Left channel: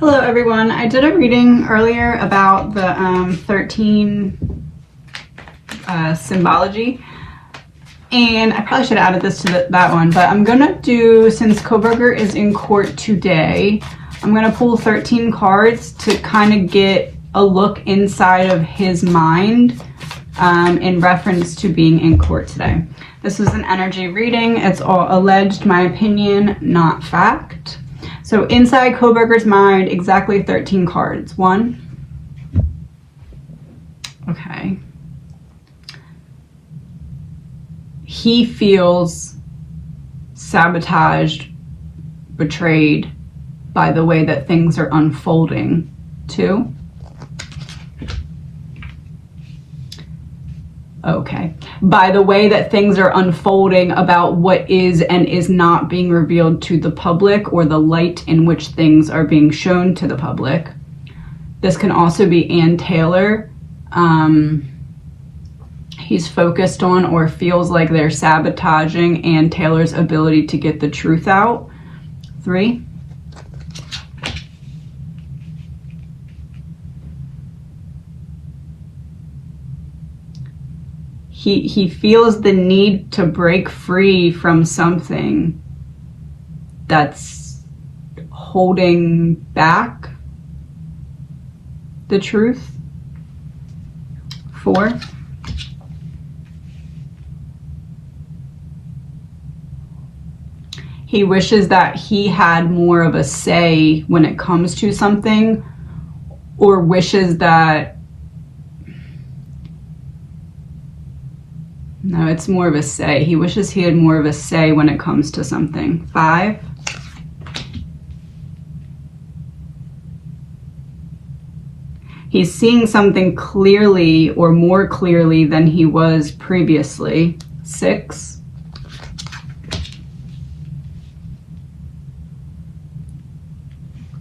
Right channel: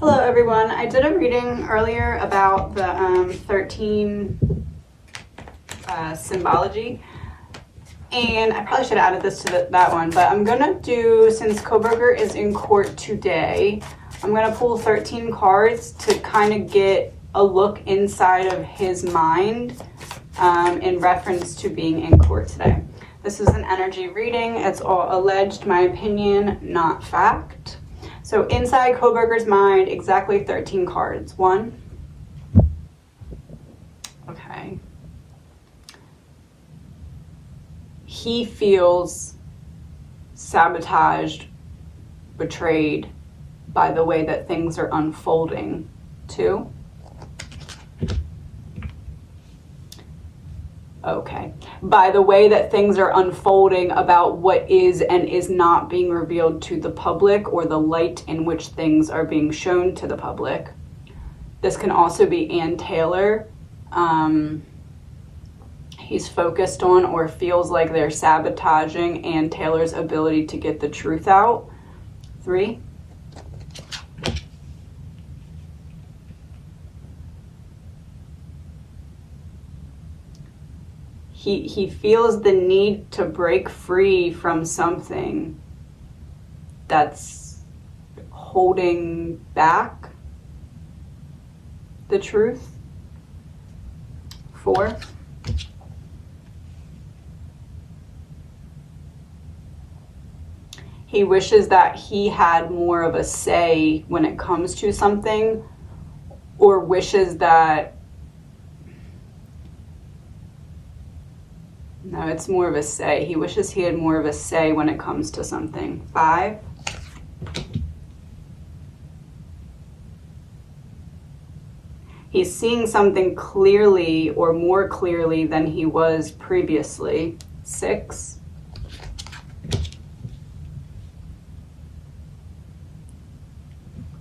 Hello everyone. I did a reading earlier about the 13 symbology, and I probably should have added this to that one, but I'm gonna do, since Kohberger is in court today, I'm gonna pull 13 cards to kind of get a look inside of his mind in reference to being in court today. This is an energy reading. It's all alleged, my opinion, not fact. So inside Kohberger's mind, exactly 13 cards. 1. Okay. He feels sabotaged, betrayed by the way that things are unfolding. 2. Okay. By the way that things are unfolding about what is and is not being revealed to the public, or the light in which things are being shown to the public. This can also be Ann Taylor. He's focused on or feels like they're sabotaging Ann Taylor's ability to get the truth out. 3. He feels the need to break free from something that's holding back the truth. 4. He wishes that he had more of a say when it comes to something, or wishes that, no, it's more of a say. He wishes he had more of a say when it comes to something. 5. He's seeing something clearly, or more clearly than he was previously. 6.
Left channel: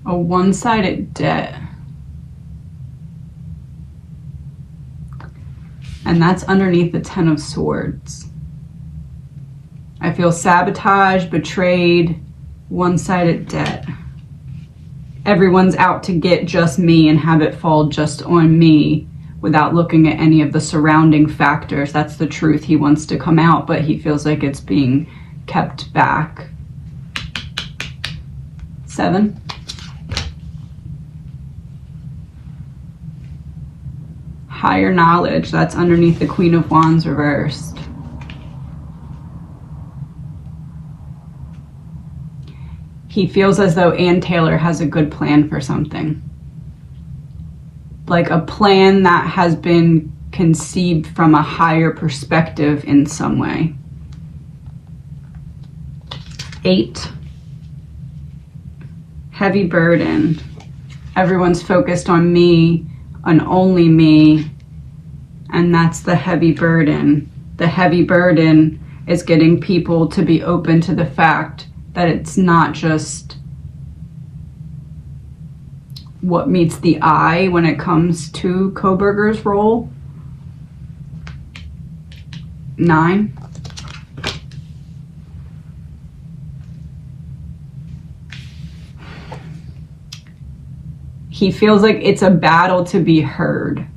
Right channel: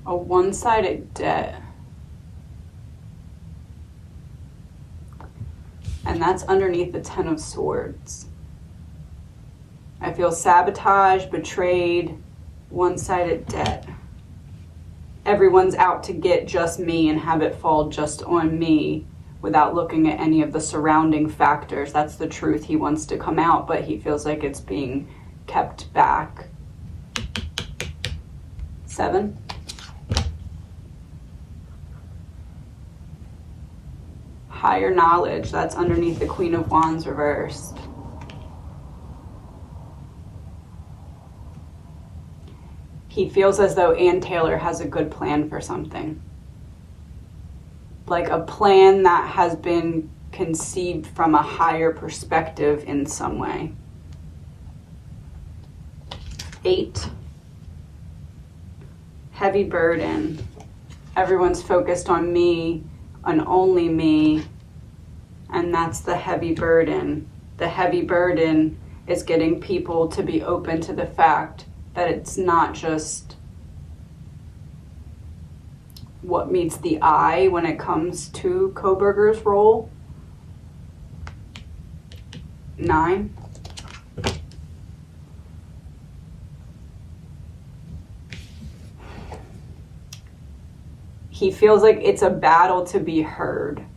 A one-sided debt. And that's underneath the 10 of Swords. I feel sabotaged, betrayed, one-sided debt. Everyone's out to get just me and have it fall just on me without looking at any of the surrounding factors. That's the truth. He wants to come out, but he feels like it's being kept back. 7. Higher knowledge. That's underneath the Queen of Wands reversed. He feels as though Ann Taylor has a good plan for something. Like a plan that has been conceived from a higher perspective in some way. 8. Heavy burden. Everyone's focused on me and only me, and that's the heavy burden. The heavy burden is getting people to be open to the fact that it's not just what meets the eye when it comes to Kohberger's role. 9. He feels like it's a battle to be heard,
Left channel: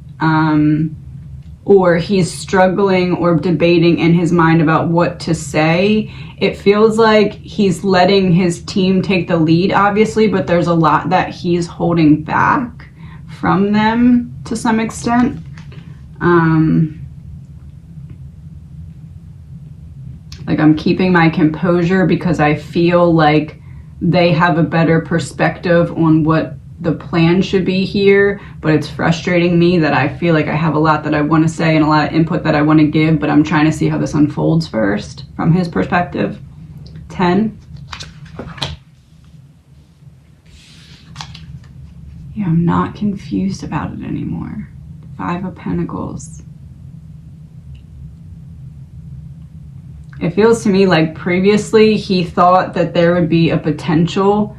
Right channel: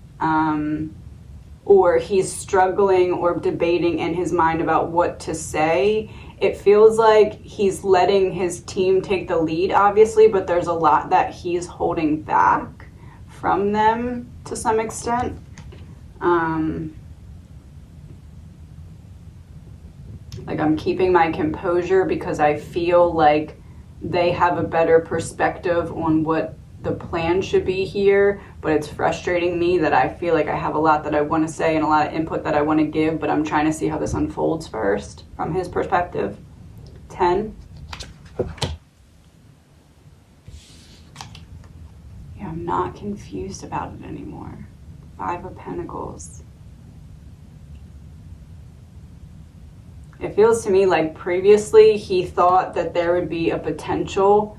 or he's struggling or debating in his mind about what to say. It feels like he's letting his team take the lead, obviously, but there's a lot that he's holding back from them to some extent. Like, I'm keeping my composure because I feel like they have a better perspective on what the plan should be here, but it's frustrating me that I feel like I have a lot that I want to say and a lot of input that I want to give, but I'm trying to see how this unfolds first from his perspective. 10. Yeah, I'm not confused about it anymore. 5 of Pentacles. It feels to me like previously he thought that there would be a potential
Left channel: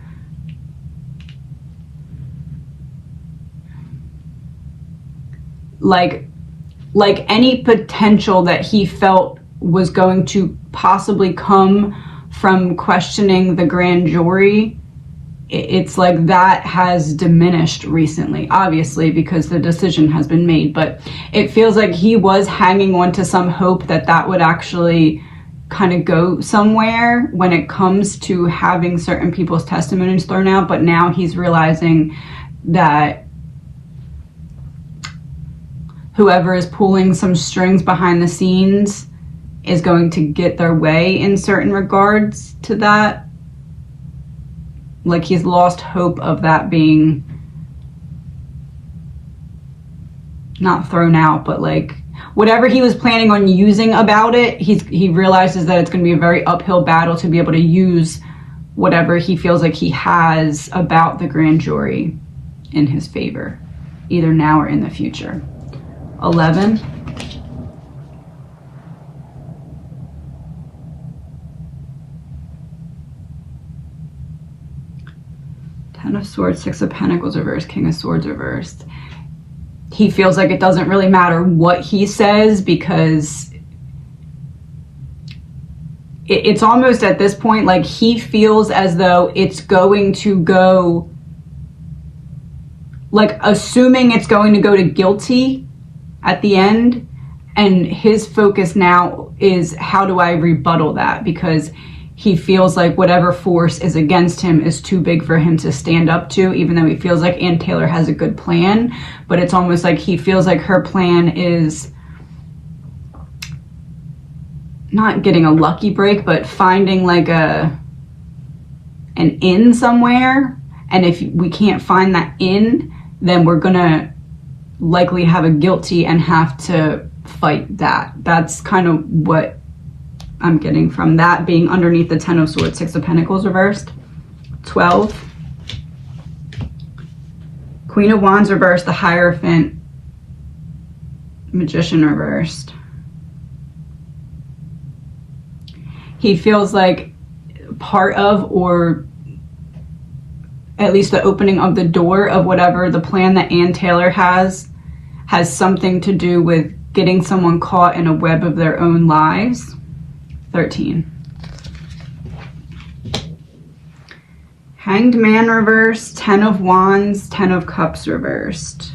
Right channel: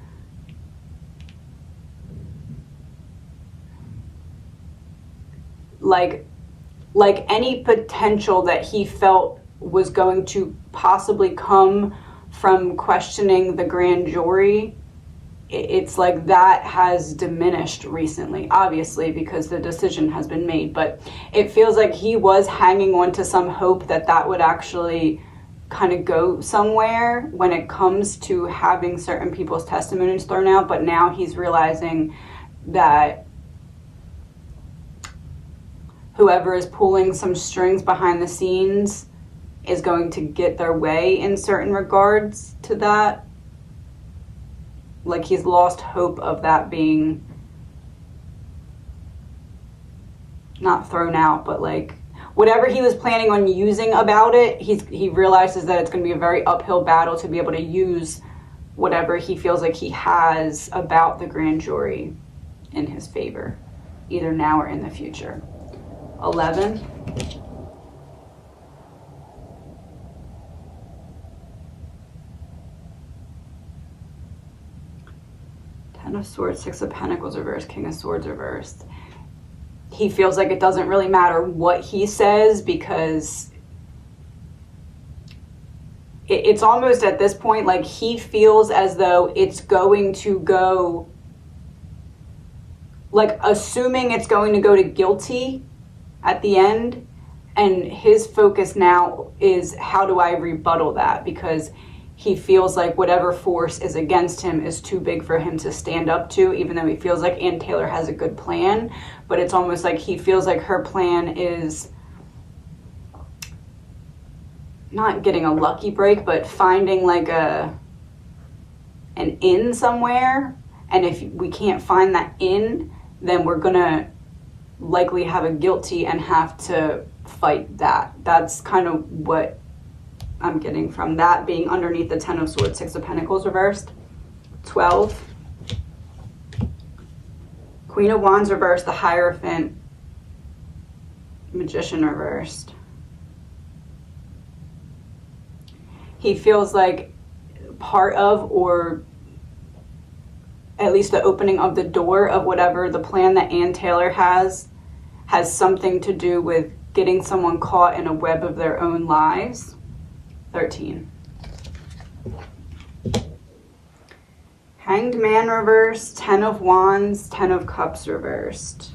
like any potential that he felt was going to possibly come from questioning the grand jury it's like that has diminished recently, obviously, because the decision has been made. But it feels like he was hanging on to some hope that that would actually kind of go somewhere when it comes to having certain people's testimonies thrown out. But now he's realizing that whoever is pulling some strings behind the scenes is going to get their way in certain regards to that. Like he's lost hope of that being not thrown out, but like whatever he was planning on using about it, he realizes that it's going to be a very uphill battle to be able to use whatever he feels like he has about the grand jury in his favor, either now or in the future. 11. Ten of Swords, Six of Pentacles reversed, King of Swords reversed. He feels like it doesn't really matter what he says because it's almost at this point like he feels as though it's going to go, like assuming it's going to go to guilty at the end, and his focus now is how do I rebuttal that, because he feels like whatever force is against him is too big for him to stand up to, even though he feels like Ann Taylor has a good plan. But it's almost like he feels like her plan is not getting a lucky break, but finding like an in somewhere. And if we can't find that in, then we're gonna likely have a guilty and have to fight that. That's kind of what I'm getting from that being underneath the Ten of Swords, Six of Pentacles reversed. 12. Queen of Wands reversed, the Hierophant, Magician reversed. He feels like part of, or at least the opening of the door of whatever the plan that Ann Taylor has something to do with getting someone caught in a web of their own lies. 13. Hanged Man reversed, Ten of Wands, Ten of Cups reversed.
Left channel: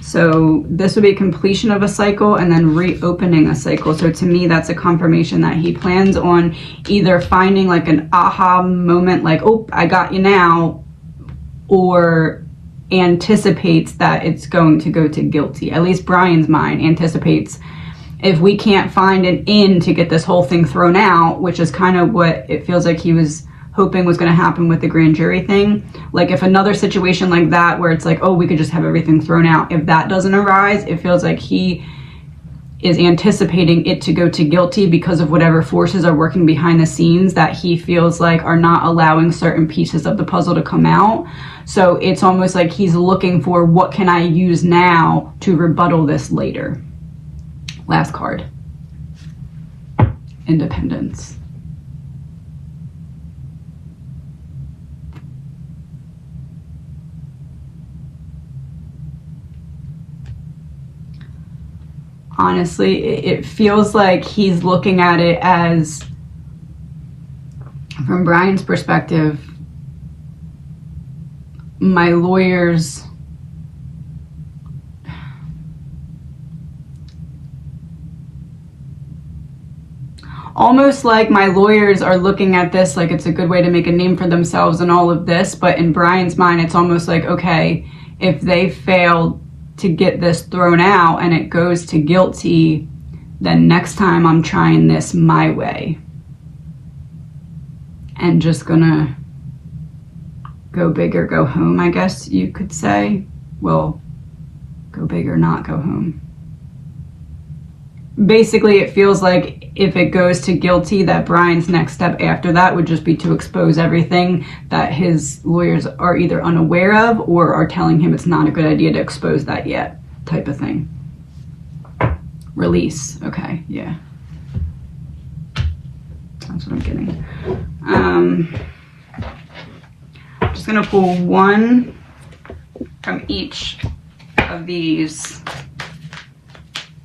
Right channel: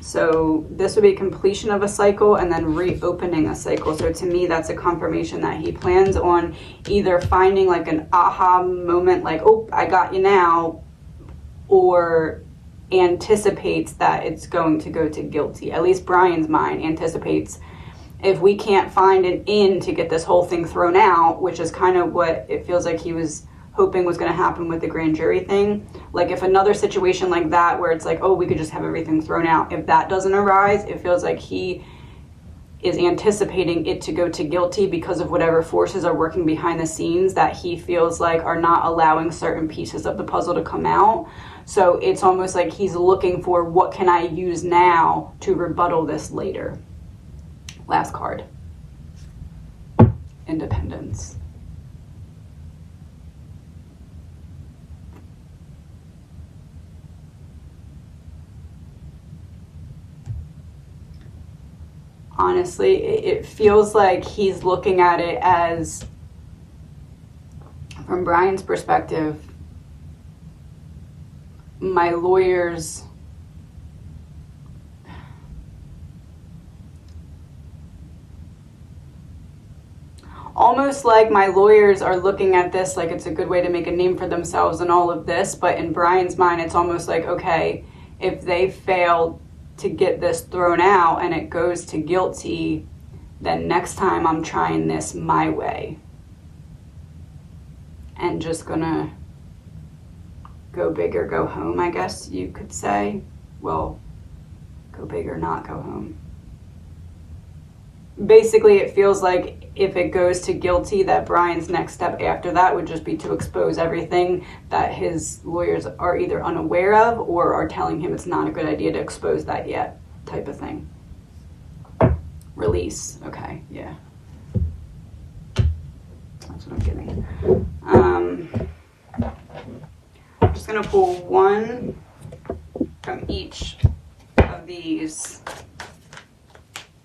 So this would be completion of a cycle and then reopening a cycle. So to me, that's a confirmation that he plans on either finding like an aha moment, like, oh, I got you now, or anticipates that it's going to go to guilty. At least Bryan's mind anticipates, if we can't find an in to get this whole thing thrown out, which is kind of what it feels like he was hoping was going to happen with the grand jury thing. Like if another situation like that where it's like, oh, we could just have everything thrown out, if that doesn't arise, it feels like he is anticipating it to go to guilty because of whatever forces are working behind the scenes that he feels like are not allowing certain pieces of the puzzle to come out. So it's almost like he's looking for, what can I use now to rebuttal this later? Last card. Independence. Honestly, it feels like he's looking at it as, from Bryan's perspective, my lawyers almost like my lawyers are looking at this like it's a good way to make a name for themselves and all of this, but in Bryan's mind it's almost like, okay, if they fail to get this thrown out and it goes to guilty, then next time I'm trying this my way and just gonna go big or go home, I guess you could say. Well, go big or not go home. Basically, it feels like if it goes to guilty, that Bryan's next step after that would just be to expose everything that his lawyers are either unaware of or are telling him it's not a good idea to expose that yet, type of thing. Release. Okay, yeah. That's what I'm getting. I'm just gonna pull one from each of these.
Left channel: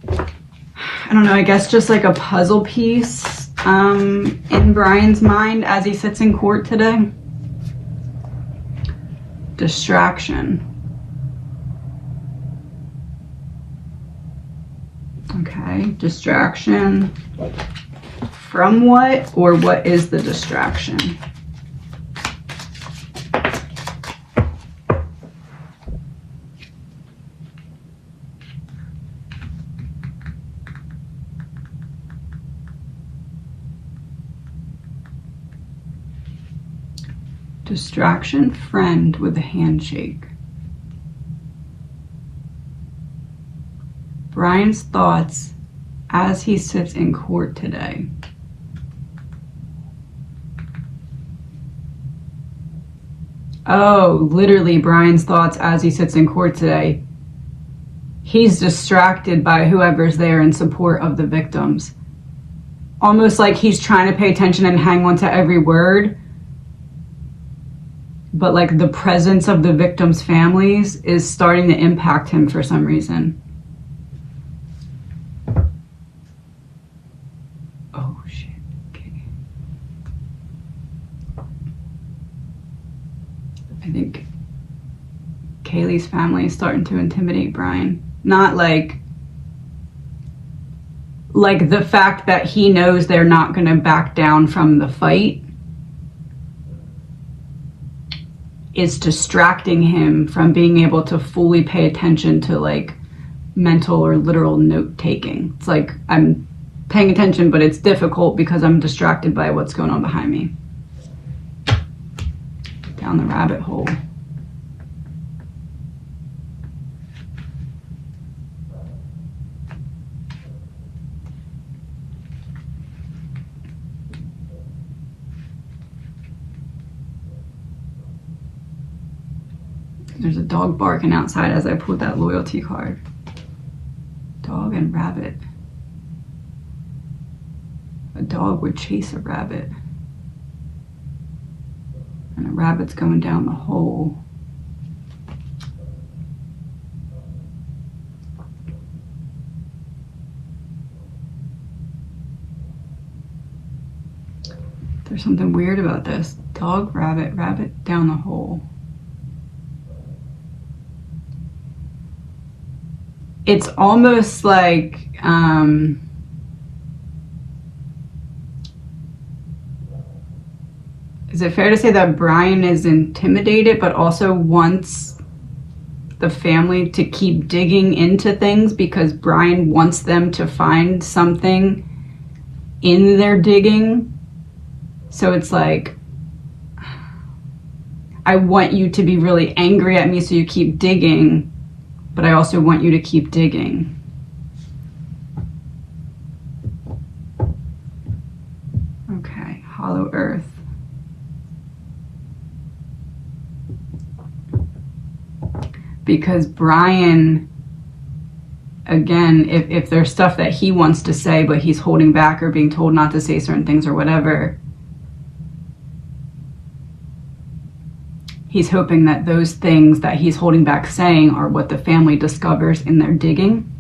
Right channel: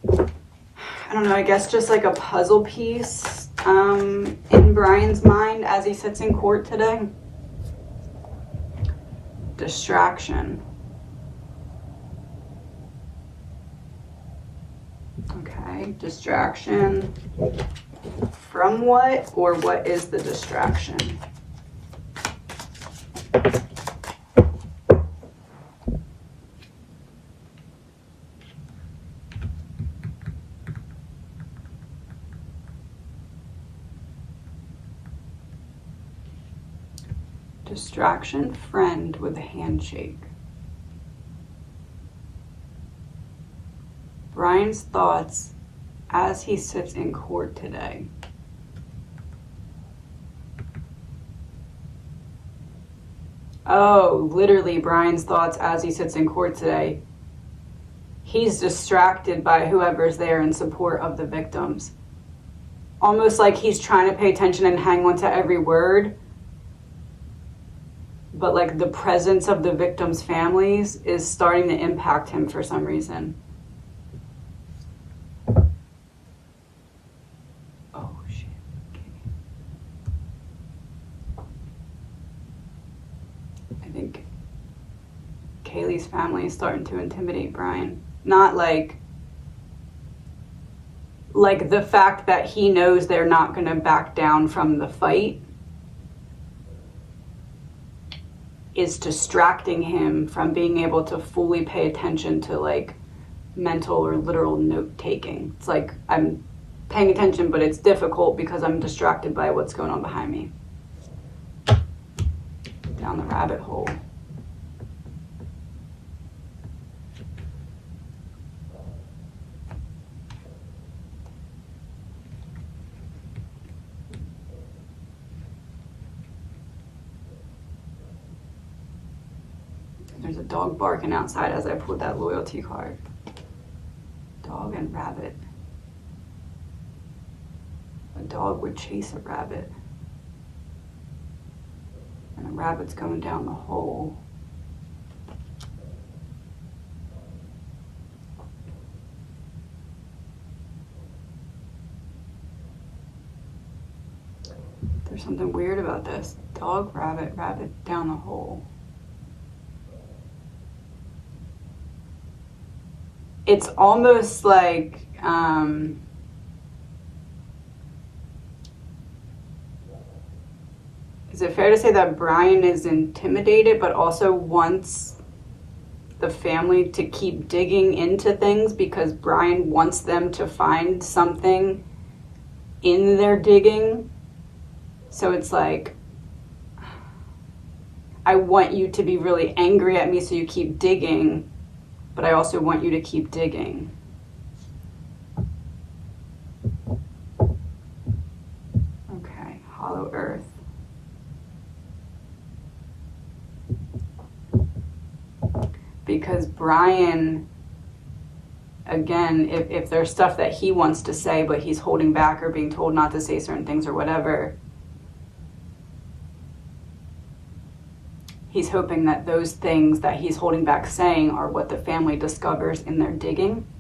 I don't know, I guess just like a puzzle piece in Bryan's mind as he sits in court today. Distraction. Okay, distraction from what, or what is the distraction? Distraction, friend with a handshake. Bryan's thoughts as he sits in court today. Oh, literally Bryan's thoughts as he sits in court today. He's distracted by whoever's there in support of the victims. Almost like he's trying to pay attention and hang on to every word, but like the presence of the victims' families is starting to impact him for some reason. Oh shit. Okay. I think Kaylee's family is starting to intimidate Bryan. Not like the fact that he knows they're not going to back down from the fight is distracting him from being able to fully pay attention to like mental or literal note taking. It's like I'm paying attention, but it's difficult because I'm distracted by what's going on behind me. Down the rabbit hole. There's a dog barking outside as I pulled that loyalty card. Dog and rabbit. A dog would chase a rabbit. And a rabbit's going down the hole. There's something weird about this. Dog, rabbit, rabbit down the hole. It's almost like is it fair to say that Bryan is intimidated but also wants the family to keep digging into things because Bryan wants them to find something in their digging? So it's like, I want you to be really angry at me so you keep digging, but I also want you to keep digging. Okay, hollow earth. Because Bryan, again, if there's stuff that he wants to say but he's holding back or being told not to say certain things or whatever, he's hoping that those things that he's holding back saying are what the family discovers in their digging,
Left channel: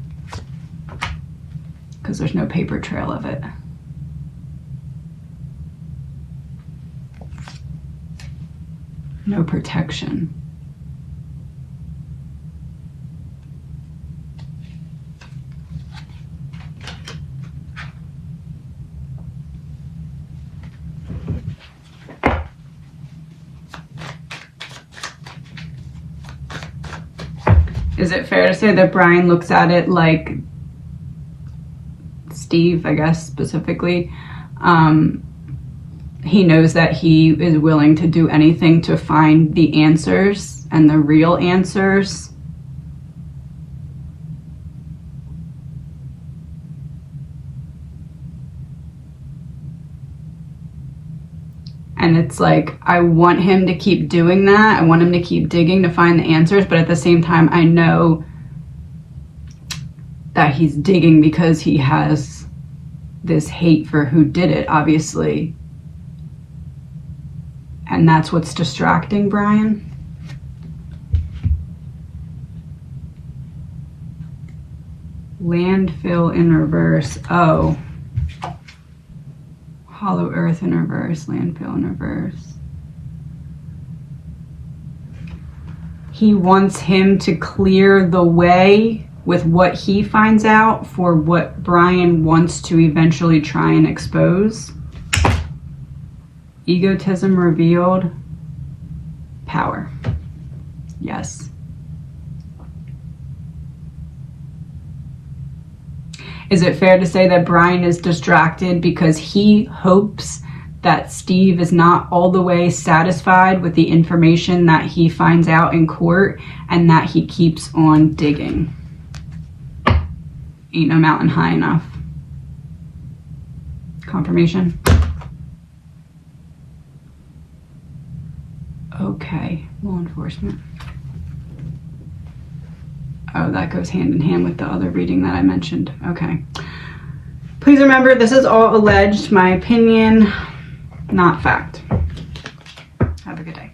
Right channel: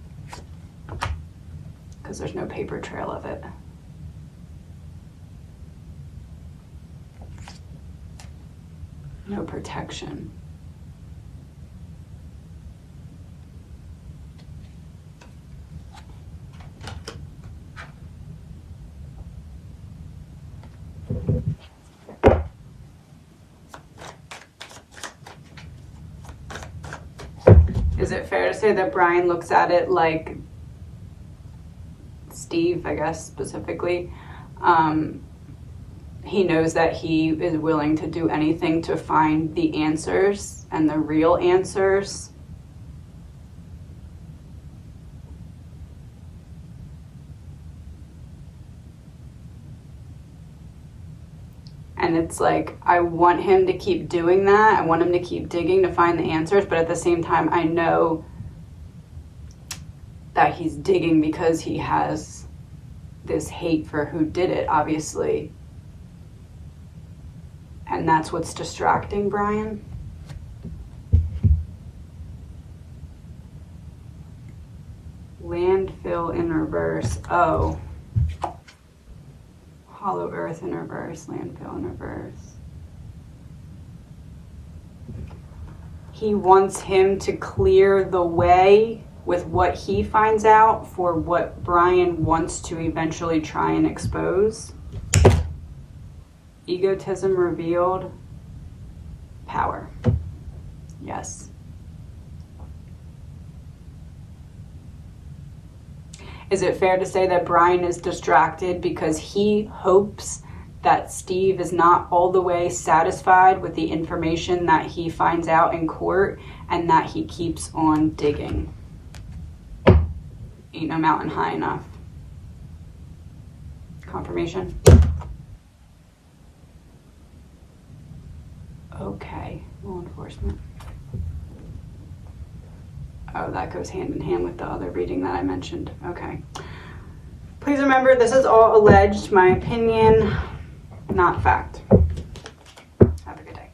because there's no paper trail of it. No protection. Is it fair to say that Bryan looks at it like Steve, I guess, specifically? He knows that he is willing to do anything to find the answers and the real answers. And it's like, I want him to keep doing that. I want him to keep digging to find the answers. But at the same time, I know that he's digging because he has this hate for who did it, obviously. And that's what's distracting Bryan. Landfill in reverse. Oh. Hollow earth in reverse, landfill in reverse. he wants him to clear the way with what he finds out for what Bryan wants to eventually try and expose. Egotism revealed. Power. Yes. Is it fair to say that Bryan is distracted because he hopes that Steve is not all the way satisfied with the information that he finds out in court, and that he keeps on digging? Ain't no mountain high enough. Confirmation. Okay, law enforcement. Oh, that goes hand in hand with the other reading that I mentioned. Okay. Please remember, this is all alleged, my opinion, not fact. Have a good day.